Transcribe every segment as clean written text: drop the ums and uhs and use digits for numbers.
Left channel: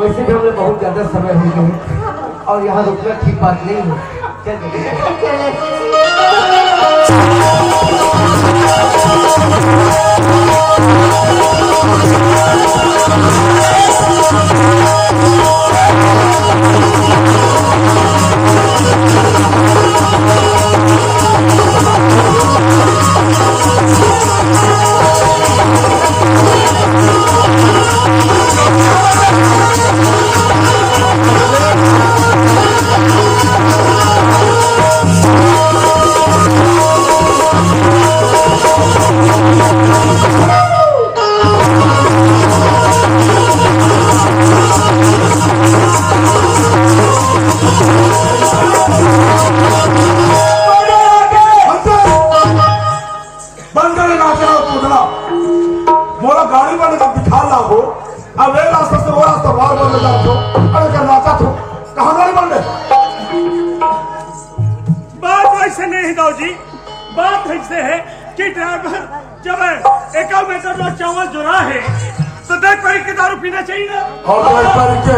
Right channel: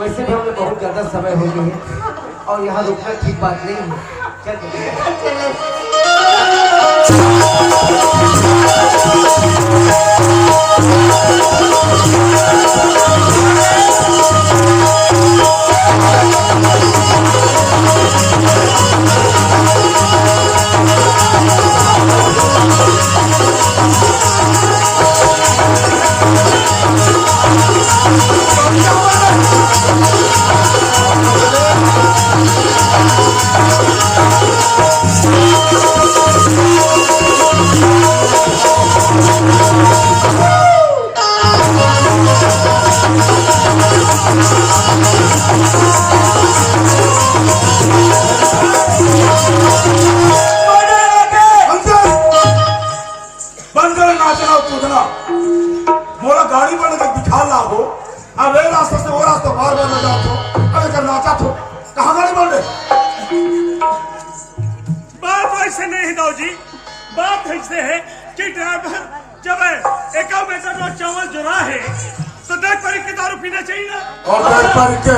वैसे भी हमें बहुत ज्यादा समय हो गया और यहाँ रुकना ठीक बात नहीं है। बात ऐसे है कि ड्राइवर जब एक मीटर में चावल जुड़ा है तो देख पारी के दारू पीना चाहिए ना, और देख पारी के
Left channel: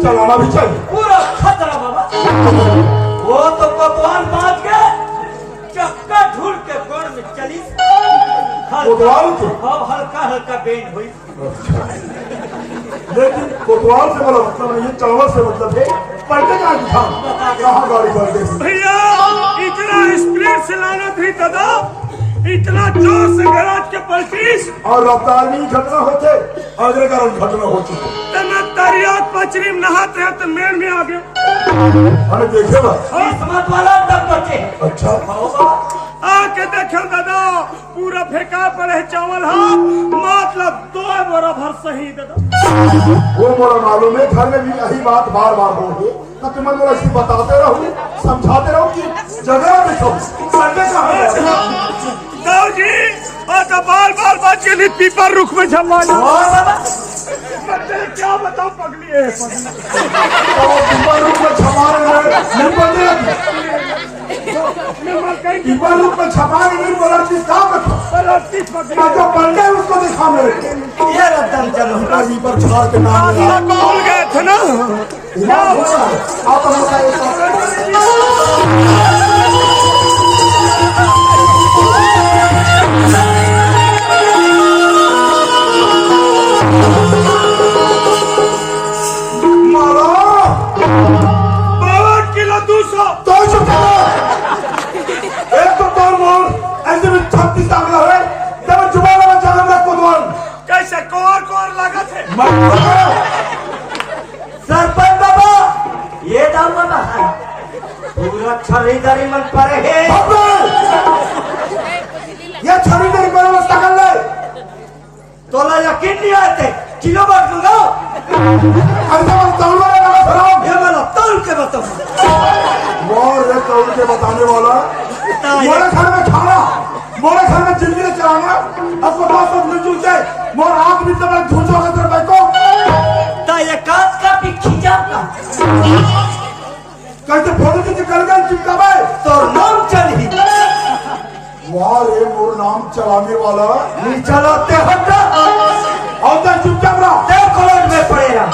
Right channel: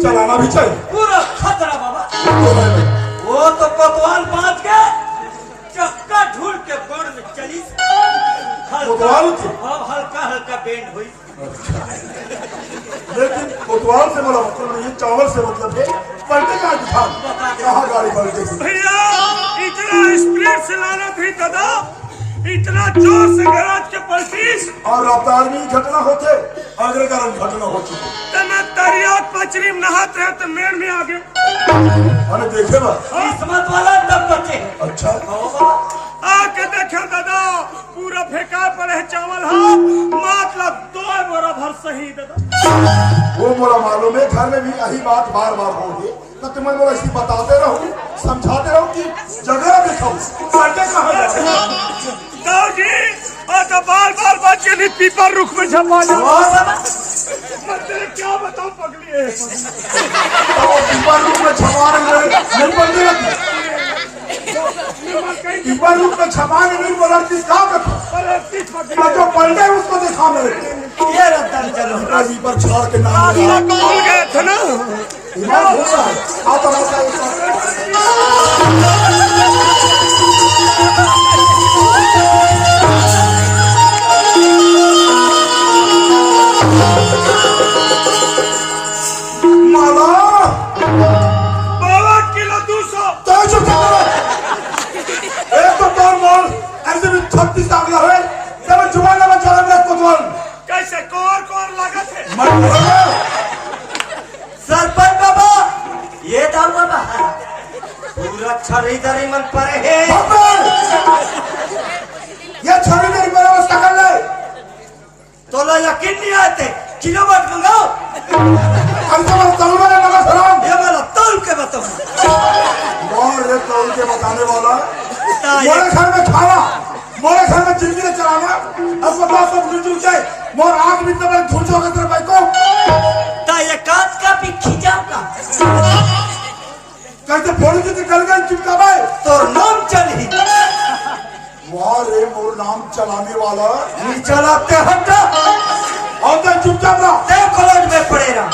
चलाना भी चाहिए। पूरा खतरा बाबा। वो तो कोतवाल बाज के चक्का ढूंढ के गोड़ में चली, हल्का हल्का बेंड हुई। लेकिन कोतवाल से बोला मतलब नहीं, चावल से मतलब है पलटे का दिखा कहाँ गाड़ी बढ़ गई। भैया इतना स्पीड से लाना थी दादा, इतना जोर से गराज के पलटीस और रफ्तार में घटना होते अगले कारण घटना हो चुकी। तो मैं दरियात पचरी में नहाते हैं तो मेड़ में आ गया। अरे देखे बा किस्मत वाला तब बचे। अच्छा आके देखो दादा पूरा फेंका पड़े चावल, हाँ मतलब 2 बोरा भर सही दादा। वो मोला मालूम है, घर में भी यही बात बार बार होगी तो तुम्हें मोला इसी बताते रहो समझाते रहो कि जगह देखो सड़के कहाँ दाऊ जी आका बार बार बात के लिए पीपर रुख में झलवा जाओ। मैं तेरे क्या बताऊं पगली है पीपर रुख में छपा रहे नहीं बोल पीपर रुख में छपा नहीं बोला जो पलटे उसको दिखा मेरे ये पर छाड़ के नाम भूल गए थे ना। कैसे कोर लागत है सरपंच बाबा, ये डर बता पूरा खरीदारी मन पड़े है। ये खरीदारी मन में सकल है तो ला यकीन नहीं आते किलो बात बोलो। ये वाला तौल के बताओ और रे तौल के बताने वाला मोरे घर में खाना, मोरे घर में जिंदगी चलाना अस्पताल सब मिलजुल से मोर आंख भी तो झूठ वाला तेरे भाई को ता ये काट का भी खिंचाऊंगा कहते फोड़ी से निकल गए चिपकावे तो नाम चल ही। वाह रे मोर नाम चलाने वाला नहीं चलाते हो क्या और तो चुपचाप रहा देव कलोट में पड़ेगा।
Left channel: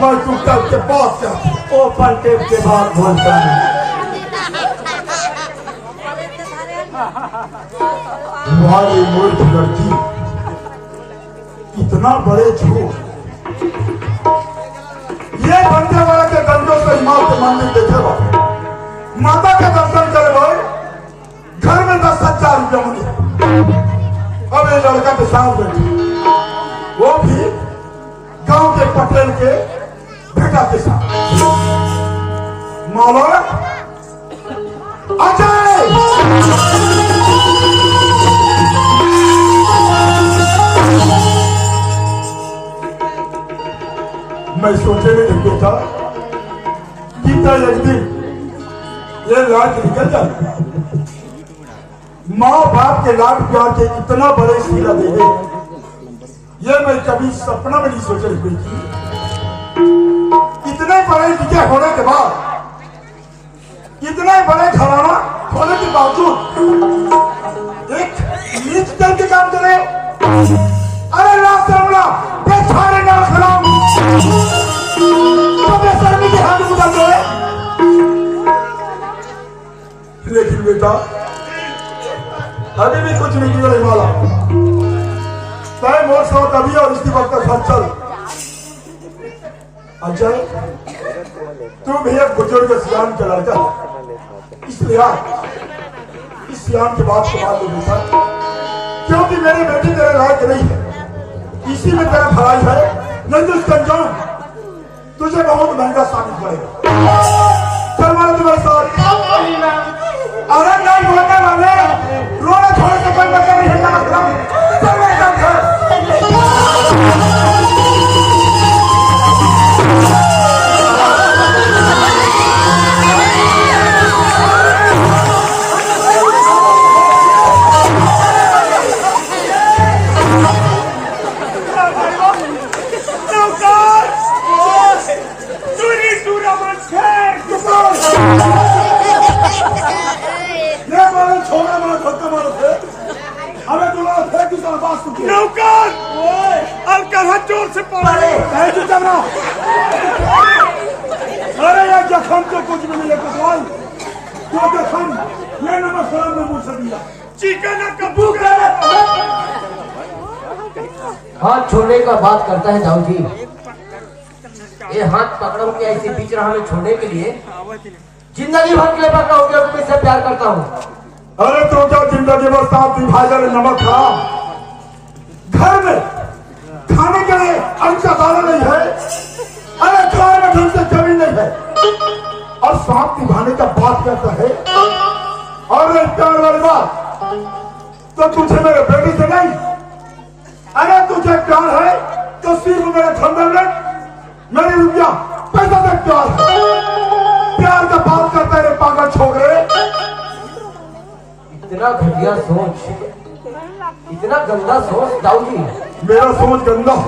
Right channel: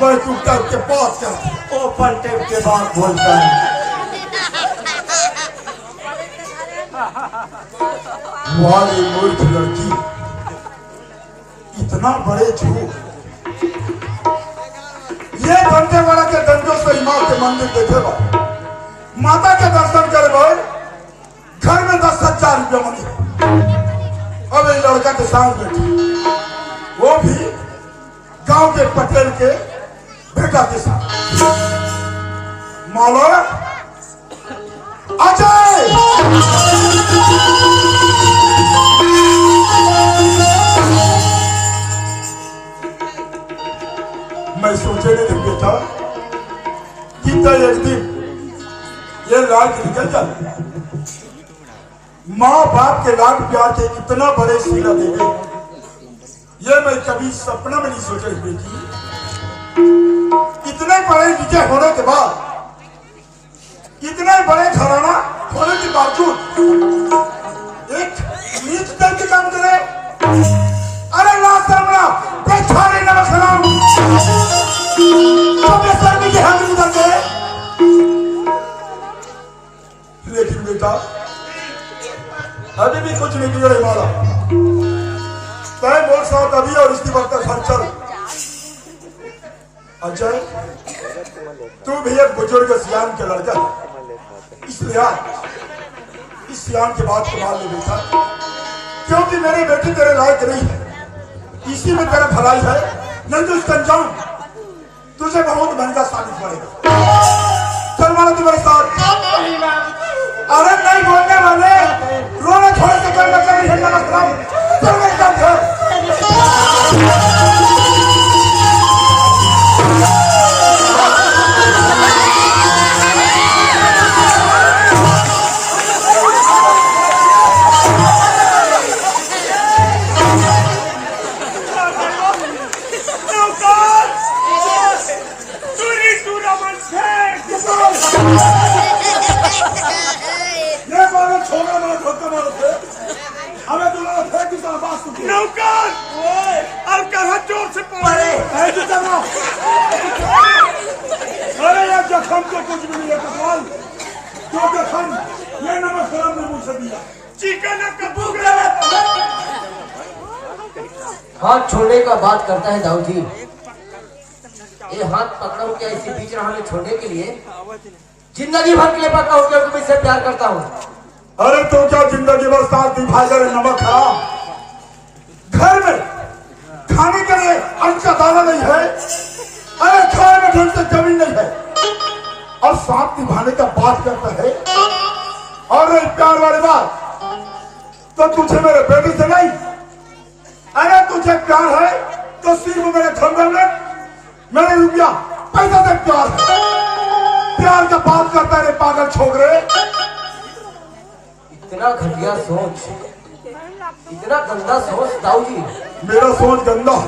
बैठूटा के पास कर ओपन टेप के बाद बोलता है वाह मूर्ख लड़की इतना बड़े झूठ। ये बनने वाला के धमजों को हिमाल के मंदिर देखेगा, माता के दर्शन करवा, घर में 10,000 रुपया मंदिर। अब ये लड़का के साथ बैठे, वो भी गांव के पटेल के बेटा के साथ। माला अजय मैं सोचे नहीं देखो था कितना एक दिन ये लाड निकल जाए। माँ बाप के लाड प्यार के इतना बड़े सीला देवे ये मैं कभी सपना में नहीं सोचे हुई थी। इतने बड़े विजय होने के बाद, इतने बड़े घराना होने के बावजूद एक नीच दल के काम करे। अरे रास्ता बेचारे ना खराब बेटा, अभी भी कुछ नहीं बिगड़े वाला। तय मोर सौ तभी और इसी वक्त घर चल। अच्छा, तू भी एक बुजुर्ग सियान के लड़का, इसलिए इस सियान के बात को मान ले बेटा, क्योंकि मेरी बेटी तेरे लायक नहीं है। इसी में तेरा भलाई है, नहीं तो इसका अंजाम तुझे बहुत महंगा साबित होगा। चल मारो तुम्हारे साथ। अरे नहीं बोलने वाले, रोना छोड़ के कोई मतलब नहीं है। चल मेरे साथ घर। छोकरा मारो धक्का मारो थे, हमें दूल्हा फेंक दूसरा बात सुन नौकर अब कहाँ जोर से पड़े अरे यार जख्म तो कुछ भी नहीं है कुशवाल, जो जख्म ये नमक सलाम ने मुझसे दिया चिकन कबू करे। हाथ छोड़ने का बात करता है दाऊ जी। ये हाथ पकड़ो के ऐसे बीच राह में छोड़ने के लिए जिंदगी भर के लिए पकड़ा हो गया, तुम इससे प्यार करता हूँ। अरे तो क्या जिंदगी बस साथ विभाजन नमक खा, घर में खाने के लिए अन्न का दाना नहीं है, अरे खाने में ढंग से जमीन नहीं है, और साथ निभाने का बात करता है। और प्यार वाली बात तो तुझे मेरे बेटे से नहीं, अरे तुझे प्यार है तो सिर्फ मेरे धंधे में मेरे रुपया पैसा से प्यार है। प्यार का बात करता है पागल छोकरे। इतना घटिया सोच, इतना गंदा सोच दाऊ जी। मेरा सोच गंदा है,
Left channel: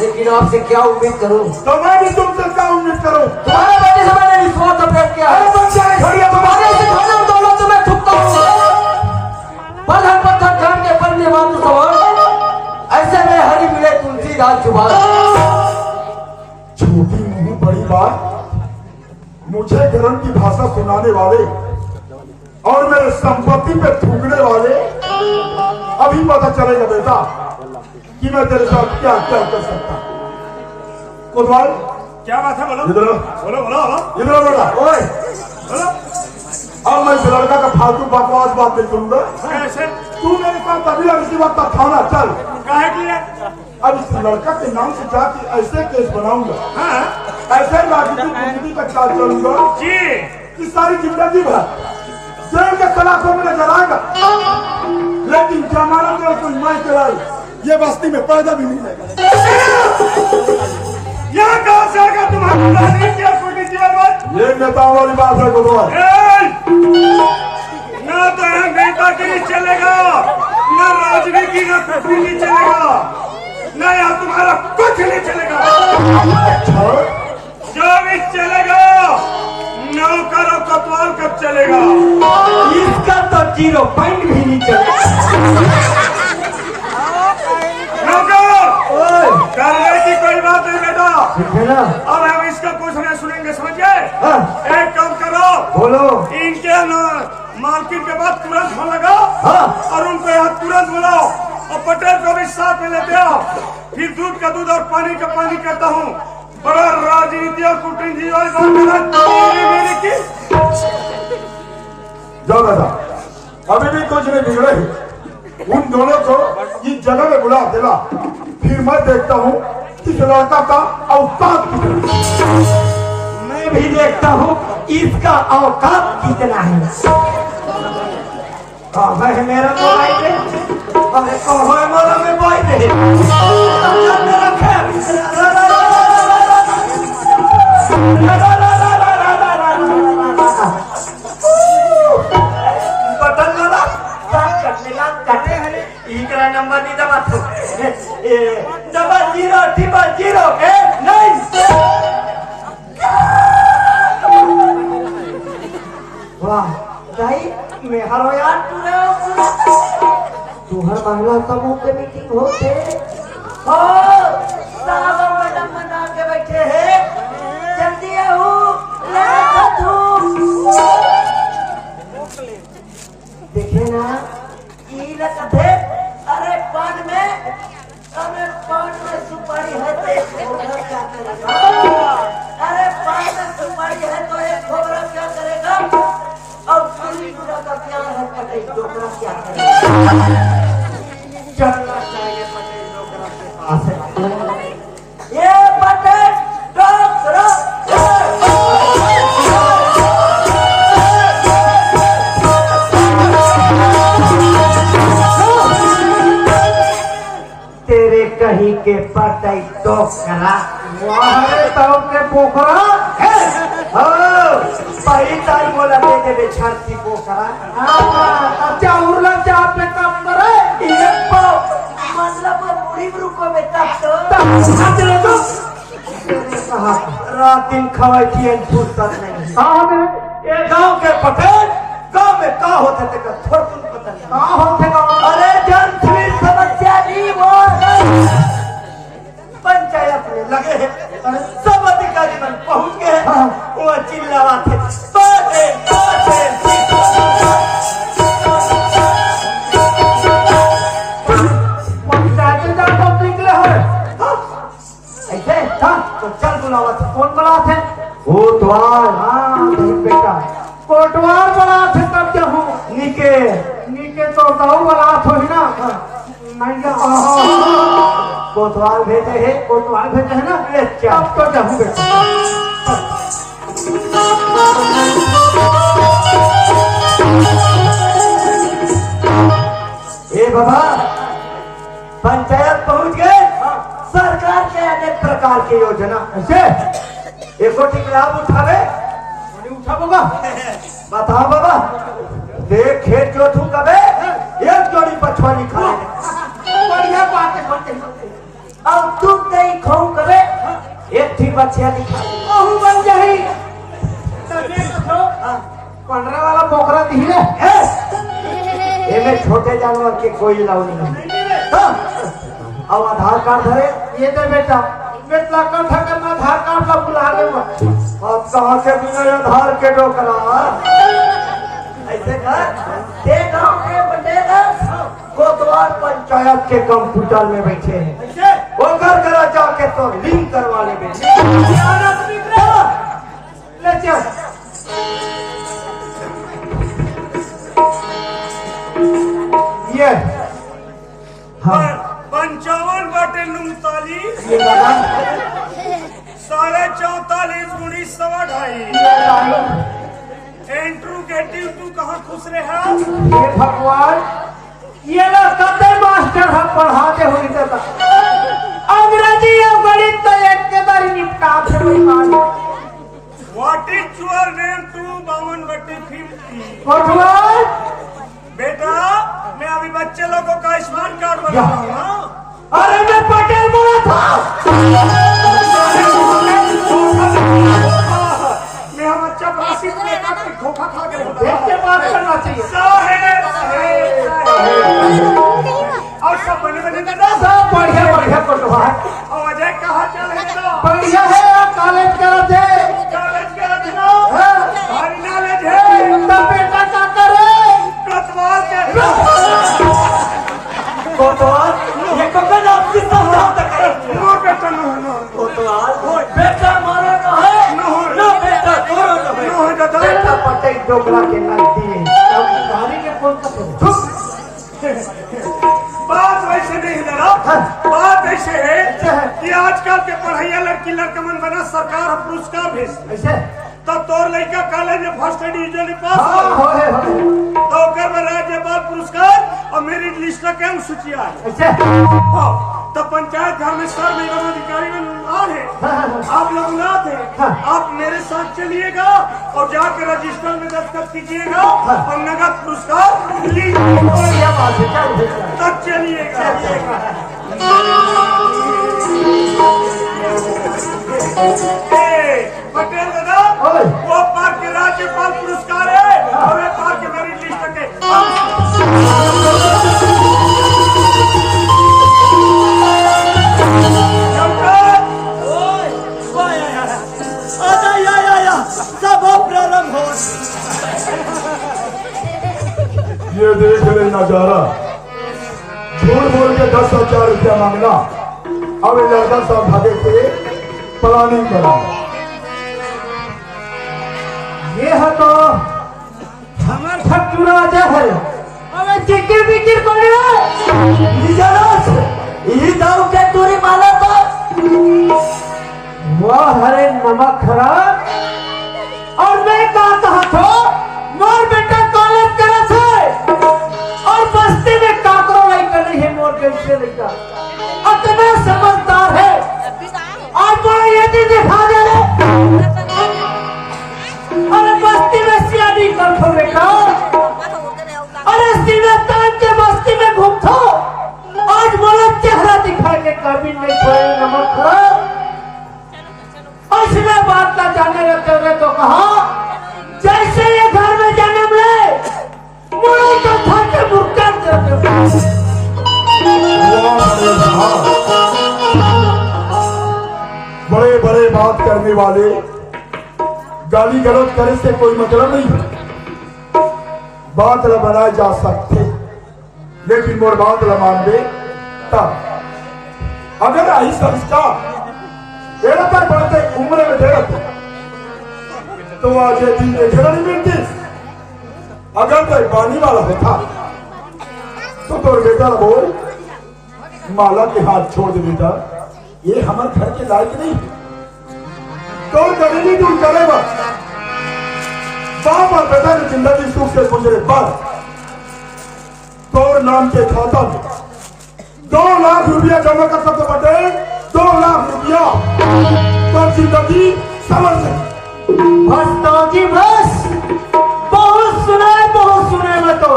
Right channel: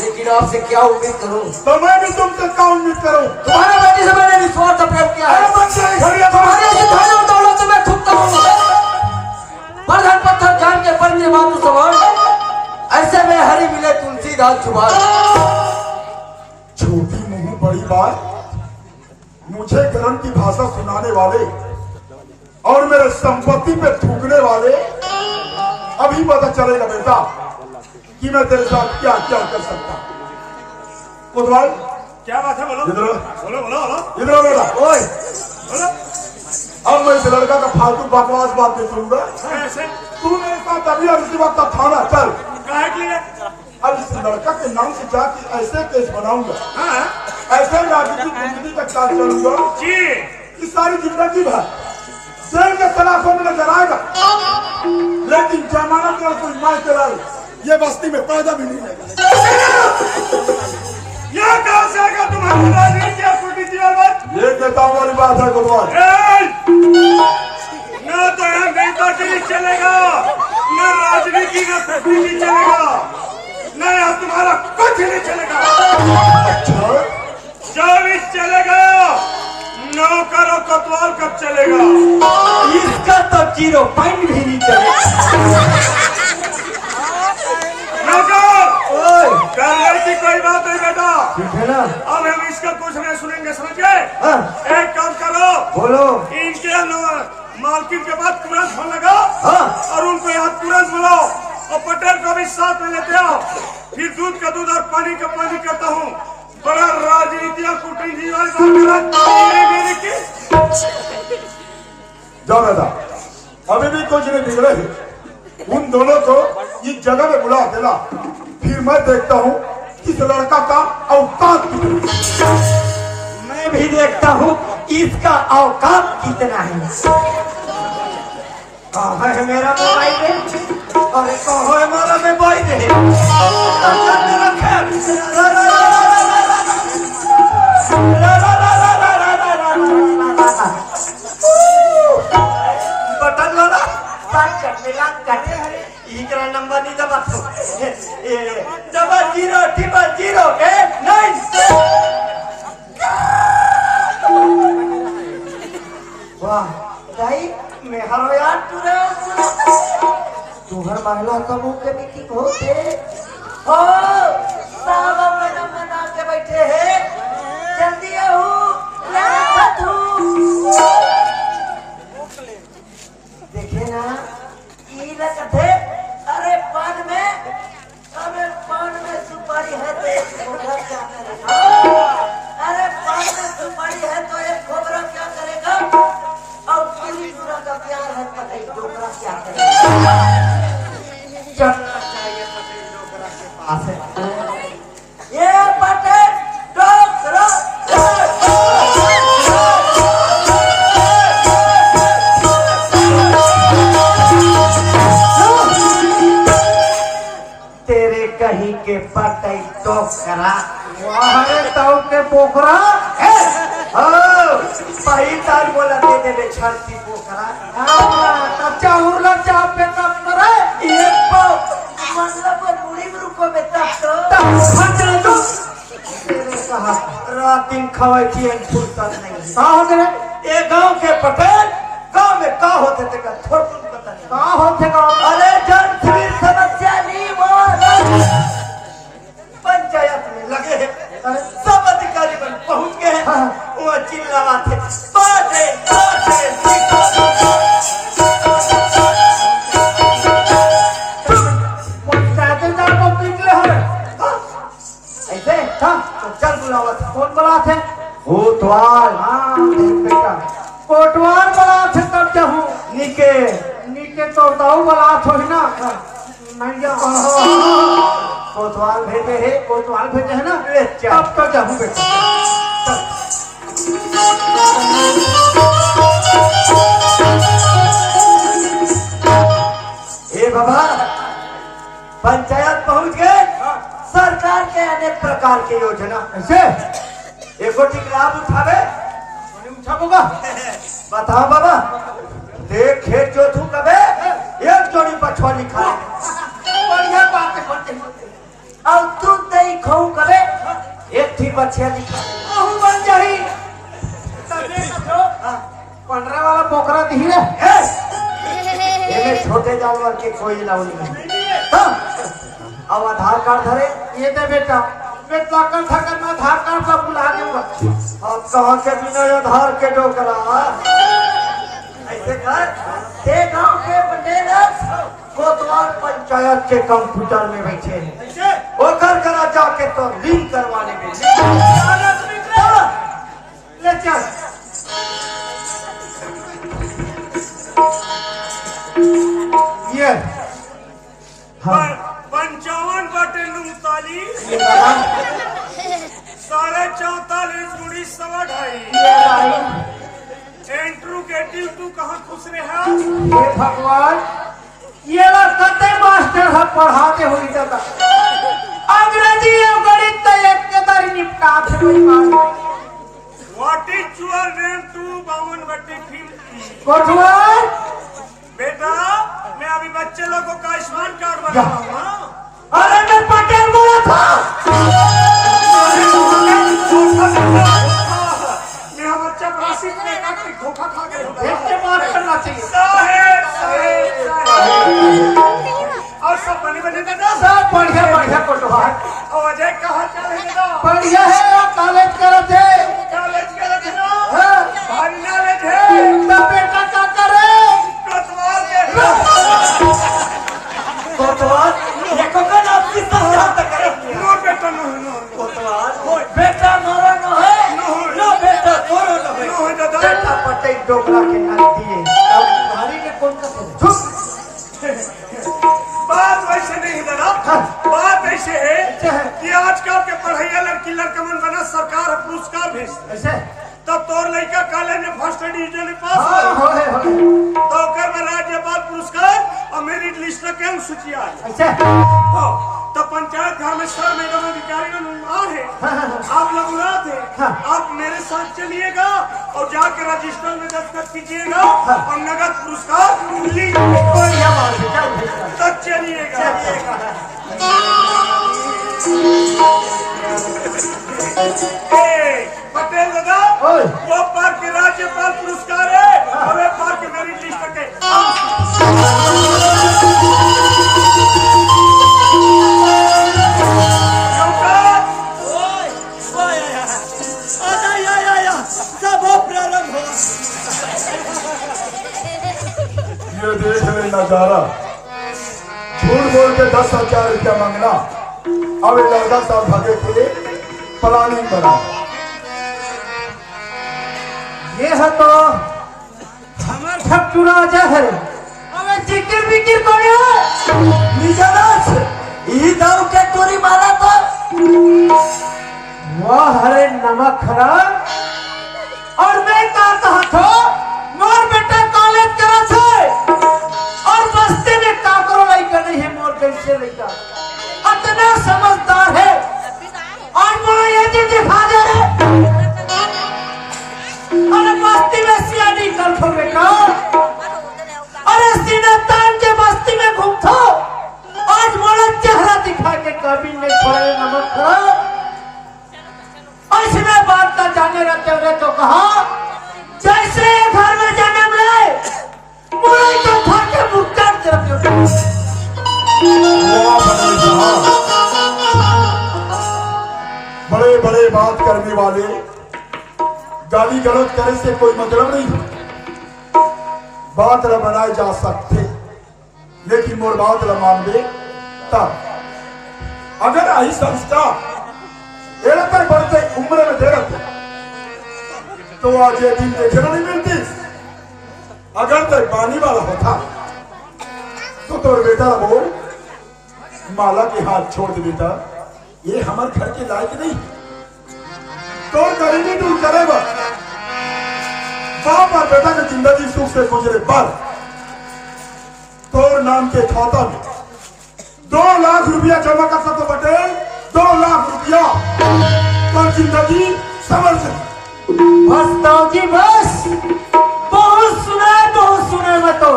लेकिन आपसे क्या उम्मीद करूं? तो मैं भी तुमसे क्या उम्मीद करूं? तुम्हारे बेटे से मैंने निस्वार्थ प्रेम किया है। तुम्हारे से धन और दौलत से मैं थूकता हूं, पर हर पत्थर जान के पर ये मानू सवाल, ऐसे में हरी मिले तुलसी दाल चुबा। छोटी मुंह बड़ी बात, मुझे गरम की भाषा सुनाने वाले और मेरे संपत्ति पे थूकने वाले, अभी पता चलेगा बेटा कि मैं तेरे साथ क्या क्या कर सकता। कोतवाल क्या बात है? बोलो इधर बोलो बोलो इधर बेटा। ओए बोलो। अब मैं इस लड़का का फालतू बकवास बात नहीं सुनूंगा। ऐसे तू मेरे साथ अभी उसी वक्त थाना चल। काहे की है? अब इस लड़का के नाम से जाके ऐसे केस बनाऊंगा, हाँ? ऐसे राजनीतिक जिंदगी का चार्ज करूंगा जी कि सारी जिंदगी भर जेल के सलाखों में नजर आएगा, लेकिन जमानत और सुनवाई कराई ये बस्ती में पैदा भी नहीं लेगा। यहाँ कहाँ से आएगा तुम्हारी राजनीति या कुटी में? ये नेताओं वाली बात है कोतवाल। न तो यहाँ नेतागिरी चलेगा, न राजनीति, न कुटी चलेगा, न यहाँ तुम्हारा कुछ नहीं चलेगा। जो भी चलेगा नौकर और कोतवाल का चलेगा, इसका तो 0 पॉइंट भी नहीं चलेगा। नौकर करने की कोई बात नहीं बेटा, ठीक है ना? अब हम इसका कुछ नहीं सुनेंगे, समझ गए? हाँ। एक काम करो, बोलो। इनके मालकिन के बाद तुरंत फोन लगाओ, हाँ। और उनको यहाँ तुरंत बुलाओ, और पटेल को भी साथ में लेते आओ। फिर दूध का दूध और पानी का पानी करता हूँ। बड़ा राजनीति और कूटनीति वाली बात करा मेरे की। जाओ दादा, अभी भी कुछ नहीं बिगड़े। उन दोनों को इस जगह में बुला देना, फिर मैं देखता हूँ इस लड़का का औकात कितना। मैं भी देखता हूँ इसका औकात कितना है। कहाँ है मेरा मोबाइल? अरे कहाँ है मेरा मोबाइल? बटन वाला इकरा नंबर नहीं दबा, डबल 00089। वाह भाई मैं हरो यार पूरा तुम्हारा मामला का मौके मीटिंग होते ओ खोबरा क्या करेगा? अरे पान में सुपारी है तो एक खोबरा क्या करेगा? और पूरी दुनिया का प्यार है पटेल डोकरा क्या करेगा? चलना चाहिए पटेल डोकरा के पास है। ये पटेल डोकरा तेरे कहीं के पटेल डोकरा वाहे तब में पोखरा पही तार बोला तेरे छाती पोखरा। अच्छा उरला चाप पे कब करे ये बाप मतलब मुड़ी रुको बेटा तो रात दिन खवाई थी फुर्सत नहीं। कहाँ करे ये गांव के पटेल गांव में का होते थे का थोड़ा पता नहीं। कहाँ होते गाँव अरे जन सिविल समस्या नहीं वो पंचायत में लगे हैं सब अधिकारी बन पहुंच गए हैं वो चिल्लावा थे बाटे बाटे राजेंद्र को निकले हो ऐसे तो चल बुलावा था। कौन बड़ा थे कोतवाल हाँ बेटा कोटवार बड़ा थे तब जाऊँ निके नीचे तो गाँव बड़ा थो ना नहीं कोतवाल भेजे है कोटवाल भेजे है ना अच्छा। तब तो जाऊँ बेटा ए बाबा पंचायत पहुंच गए सरकार के अनेक प्रकार की योजना ऐसे एको ठीक लाभ उठावे उठाबोगा बताओ बाबा देख खेत जोतू कबे एक जोड़ी पछवानी खा ले बढ़िया बात करते और दूध दही खाऊं करे एक थी बच्चिया दिखा ले आहू बन जाही तने कथो 15 वाला पोखरा दिले एमे छोटे जानवर के कोई लाभ नहीं। अब आधार कार्ड धरे ये दे बेटा बेटा का था करना आधार कार्ड का बुला लेगा अब कहाँ के बिना आधार के डोकरा ऐसे कर ते गांव के बंदेरा कोतवाल पंचायत के कंप्यूटर में बैठे हैं ऐसे वो कर करा जाके तो लिंक करवा ले ले चल ये 55 बटे 39 ये लगा 44.5 गुणी 2.5 एंट्रू के ड्यू कहाँ खुश रहा ये भगवान ये कते मास्टर हम पढ़ाते हुई तक अंग्रेजी और गणित तो एक के दारी निपटा थे वही बात what is your name to 52 बटे 50 कोटवाल बेटा मैं अभी बच्चे लोगों का आयुष्मान कार्ड बना रहा हूँ। अरे मैं पटेल बोला था मेरा बच्चा राशि में काफी धोखा खा गया देखते बात करना चाहिए साहेब और सब बने बने दादा सब बढ़िया बढ़िया कोटवाल और अजय कहाँ चल रहे दादा बढ़िया है कॉलेज करो थे कॉलेज का रखना हाँ। भारी नॉलेज है तो बेटा क्या करे कोतवाल के कोतवाल ये कब तक आपकी समझा तक नो बेटा नो कोतवाल बेटा मारो न है न बेटा करो न है नो दादा बेटा पटेल डोकरा के नाती है नारी के कौन सा चुप बात वैसे नहीं दादा बात ऐसे है कि आजकल के पढ़ाइया लड़की लड़का मन बना सरकार पुरस्कार भेज ऐसे तब तोर लड़का कॉलेज में फर्स्ट डिवीजन पास हाँ हो हो तो ओकर में राज्यपाल पुरस्कार और मेरिट लिस्ट का क्या सूचिया है ऐसे हाँ, तो पंचायत घर में सर मैडम अधिकारी में आ है आप लोग ना थे आप मेरे साथ चलिएगा और जाकर रजिस्टर में दस्तखत कीजिएगा और नगद पुरस्कार लीजिएगा बढ़िया बात है क्या भेजना तक चलिएगा पटेल दादा ओए। वो पार्क के राज्यपाल पुरस्कार है और वे पार्क के मेरिट लिस्ट के सब प्रारंभ हो ये देख ले नजारा झूठ बोल के 10,000 रुपया मांगना अब ये लड़का सब भागे के प्लानिंग बना। ये है तो हमार ठकुरा है। अब जिक्र बिक्र करे निजरस ई दाव के तोरी माला था। वाह हरे नमक खराब। और मैं कहा था मोर बेटा कॉलेज करा छे और बस्ती में काकरो लाई कर रही है। मोर कैसे लेगा इतना समझदार है और बड़ा ये चीज दिखा दे। अरे बस्ती में सियानी कर खो बेटा। अरे सिनतान के बस्ती में घूमता आज बड़ा चेहरा दिखा के काबिल में छोड़े नमक खराब। इसमें बात का जाने रखते हुए तो कहा जैसे ये घर में जन्म ले मुझे के घर के भुगतान करते बड़े बड़े बात करने वाले गाली गलौज करे से कोई मतलब नहीं है। बात ल बनाए जा सकते लेकिन मोर बात ल मानबे तब अगर आई संस्कार एरा तक बढ़ते उम्र में देर तो आज ये दिन देखना नहीं मिलती। अगर तो पानी वाला होता तो तोड़ बेटा बोल माला के हाथ छोड़ दे बेटा ये हमारे घर के लायक नहीं। तो गरीबी दूर करेगा बाप और बेटा की जिंदगी सुख से गुजरे पर तोर नाम के खाता में 2 लाख रुपया जमा कर सकते बटे 2 लाख रुपया तो जिंदगी समझ से बस ताऊजी बस बहुत सुना मैं तो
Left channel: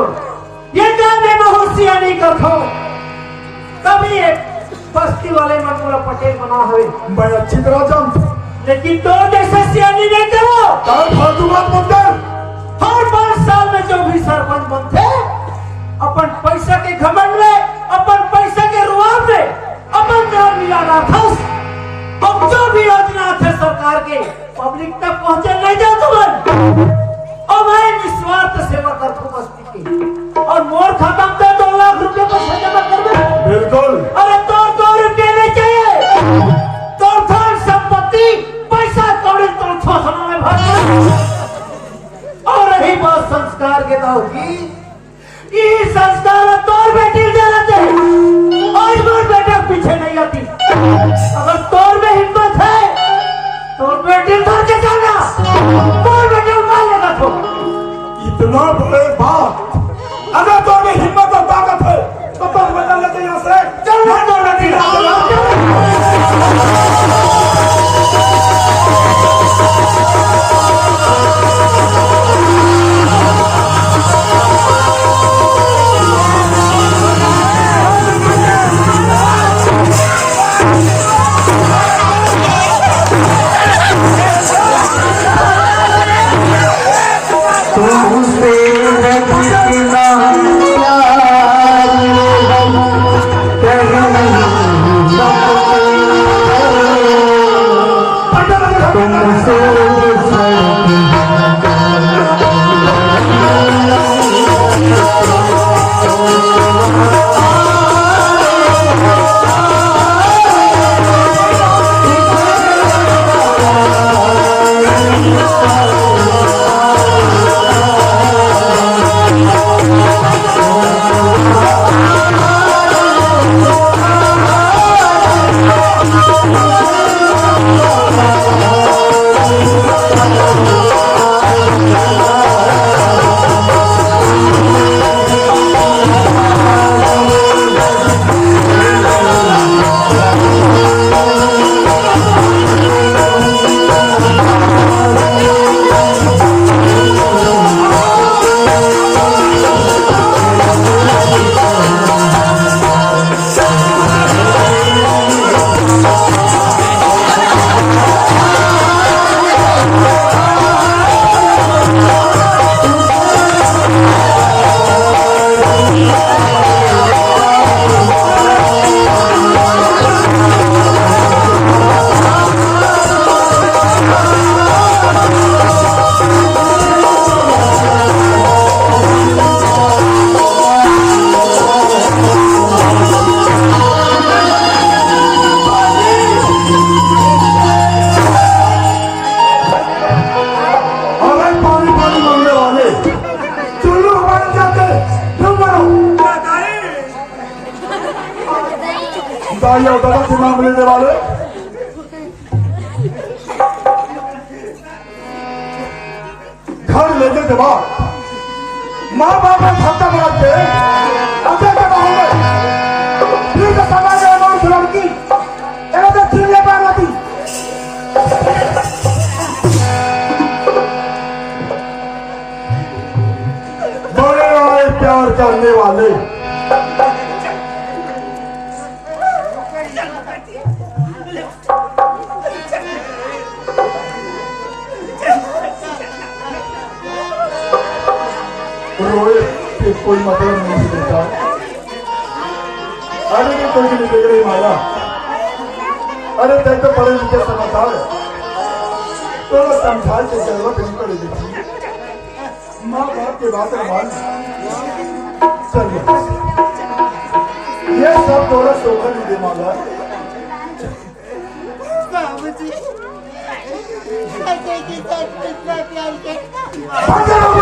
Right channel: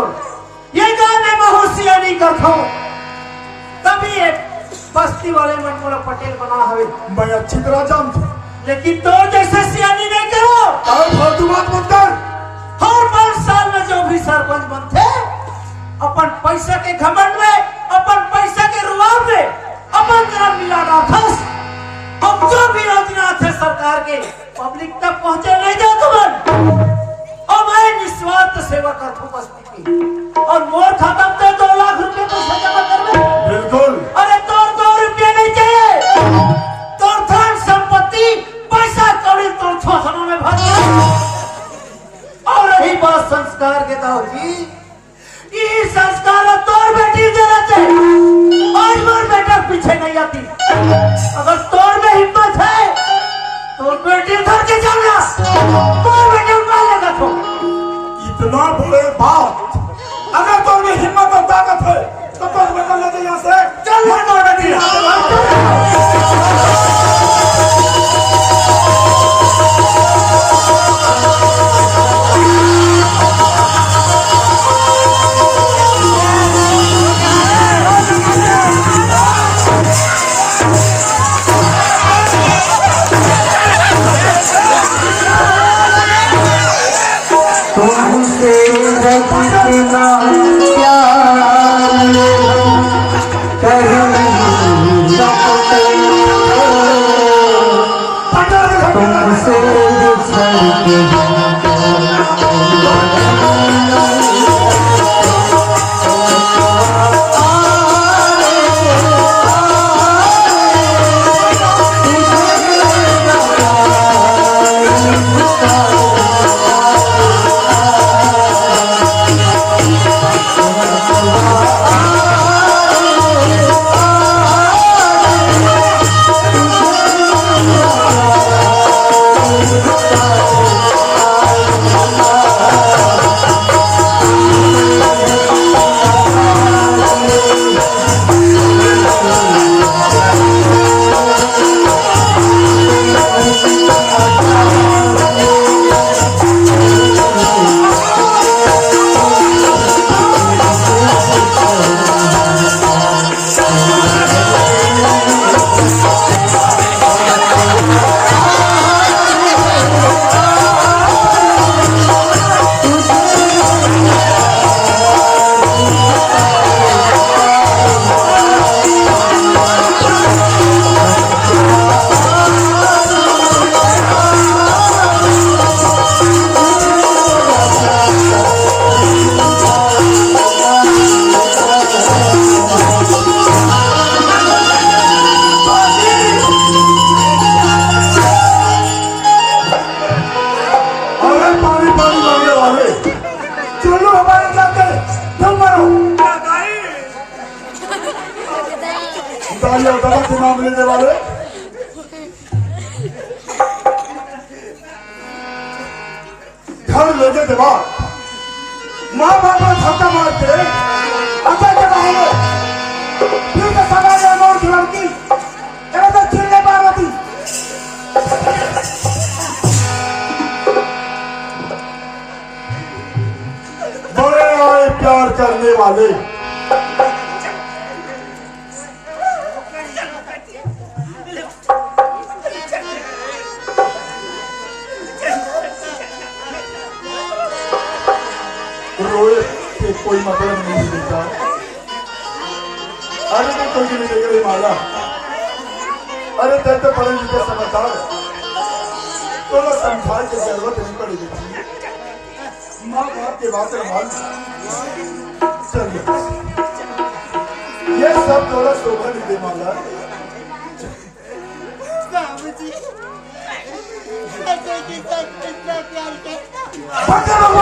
ये काम में बहुत सियानी करता हूँ। तभी ये बस्ती वाले मन पूरा पटेल बना हुए मैं अच्छी तरह जानता हूँ लेकिन तो जैसे सियानी नहीं करो। फालतू बात मत कर। हर 5 साल में जो भी सरपंच बनते अपन पैसा के घमंड में अपन पैसा के रुआब में अपन ग्राम मिला राखस हम जो भी योजना थे सरकार के पब्लिक तक पहुंचे नहीं जाओ तुम। और मैं निस्वार्थ सेवा करता बस्ती की और मोर खत्म तो 2 लाख रुपए का जमा कर दे। बिल्कुल। अरे तो 2 रुपये नहीं चाहिए तो धन संपत्ति पैसा कौड़ी तो छोसना में भर दे। और रही बात संस्कार के दाऊ जी ये संस्कार तोर बेटी देना चाहिए और मोर बेटा पीछे नहीं आती। अगर तोर में हिम्मत है तो बेटी धर के जाना तोर बेटी मार लेगा। तो इतना बड़े बात अगर तो में हिम्मत और ताकत है तो तुम बदल लेते यहाँ से चल तोर बेटी भेजे जवाब माँ बाप ने धक्का मार के अच्छा क्या कहोगे फिर तो समाज अनोर की लड़की यहाँ तक चिल्ले पार्वती बड़े बड़े प्यार करने वाले रोए कि कोई मतलब नहीं देता अरे नहीं कोई नहीं देख रही माला अरे देख तो पढ़े लिखे समझदार तो ना समझाई की जरूरत नहीं पड़ेगी माँ बाप के बात मान चल ये सब थोड़ा शोभा नहीं दे माला बाबूजी, ऐसे के साथ कितना प्यार करता